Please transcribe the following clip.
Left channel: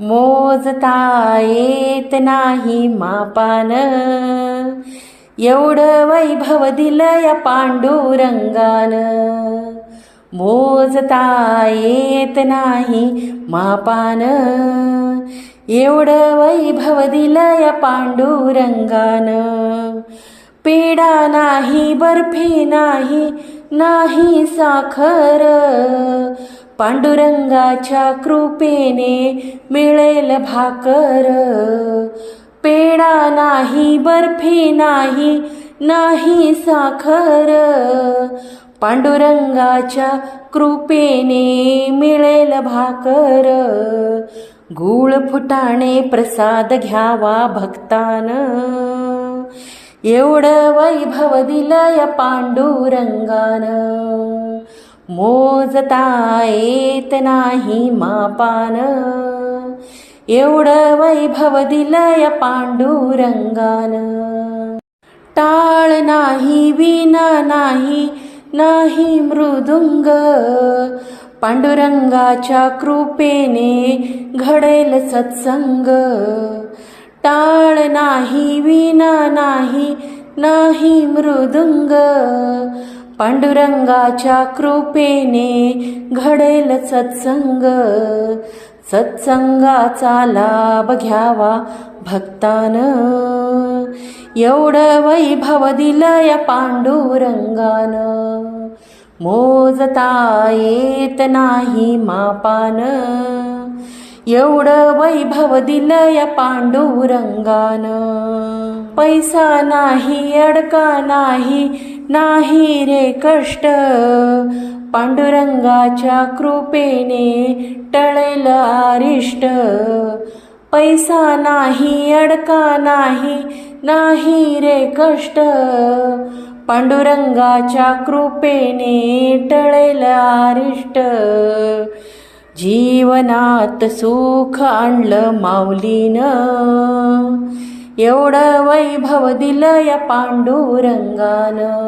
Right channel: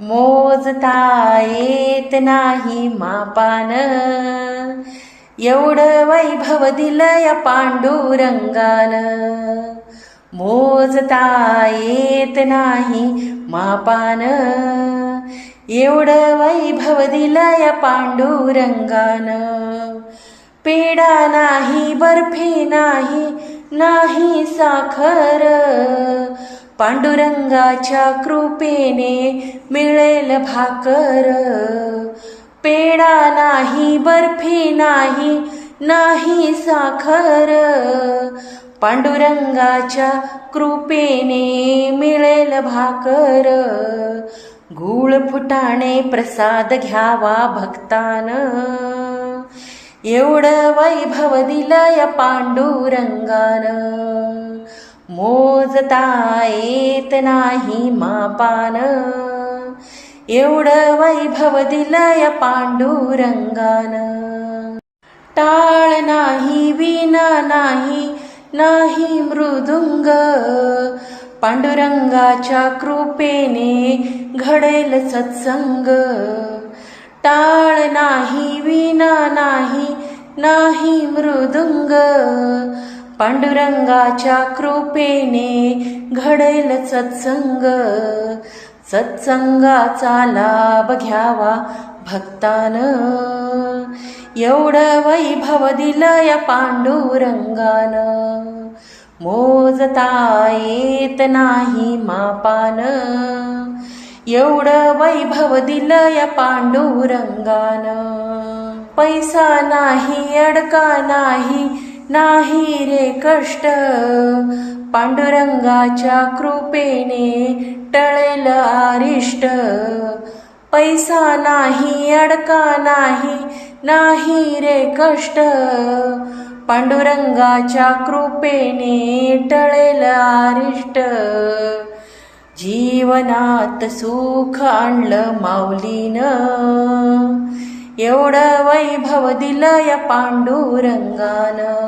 मोजता येत नाही मापान. एवढं वैभव दिलं या पांडुरंगान. मोजता येत नाही मापान. एवढं वैभव दिलं या पांडुरंगान. पेडा नाही बर्फी नाही नाही साखर. पांडुरंगाच्या कृपेने मिळेल भाकर. पेडा नाही बर्फी नाही नाही साखर. पांडुरंगाच्या कृपेने मिळेल भाकर. गुळ फुटाणे प्रसाद घ्यावा भक्तान. एवढं वैभव दिलं या पांडुरंगान. मोजता येत नाही मापान. एवढं वैभव दिलय पांडुरंगान. टाळ नाही विना नाही नाही मृदुंग. पांडुरंगाच्या कृपेने घडेल सत्संग. टाळ नाही विना नाही नाही मृदुंग. पांडुरंगाच्या कृपेने घडेल सत्संग. सत्संगाचा लाभ घ्यावा भक्तान. एवढं वैभव दिलं या पांडुरंगान. मोजता येत नाही मापान. एवढं वैभव दिलं या पांडुरंगान. पैसा नाही अडका नाही नाही रे कष्ट. पांडुरंगाच्या कृपेने टळेल आरिष्ट. पैसा नाही अडका नाही नाही रे कष्ट. पांडुरंगाच्या कृपेने टळेल आरिष्ट. जीवनात सुख आणलं माऊलीनं. एवढं वैभव दिलं या पांडुरंगानं.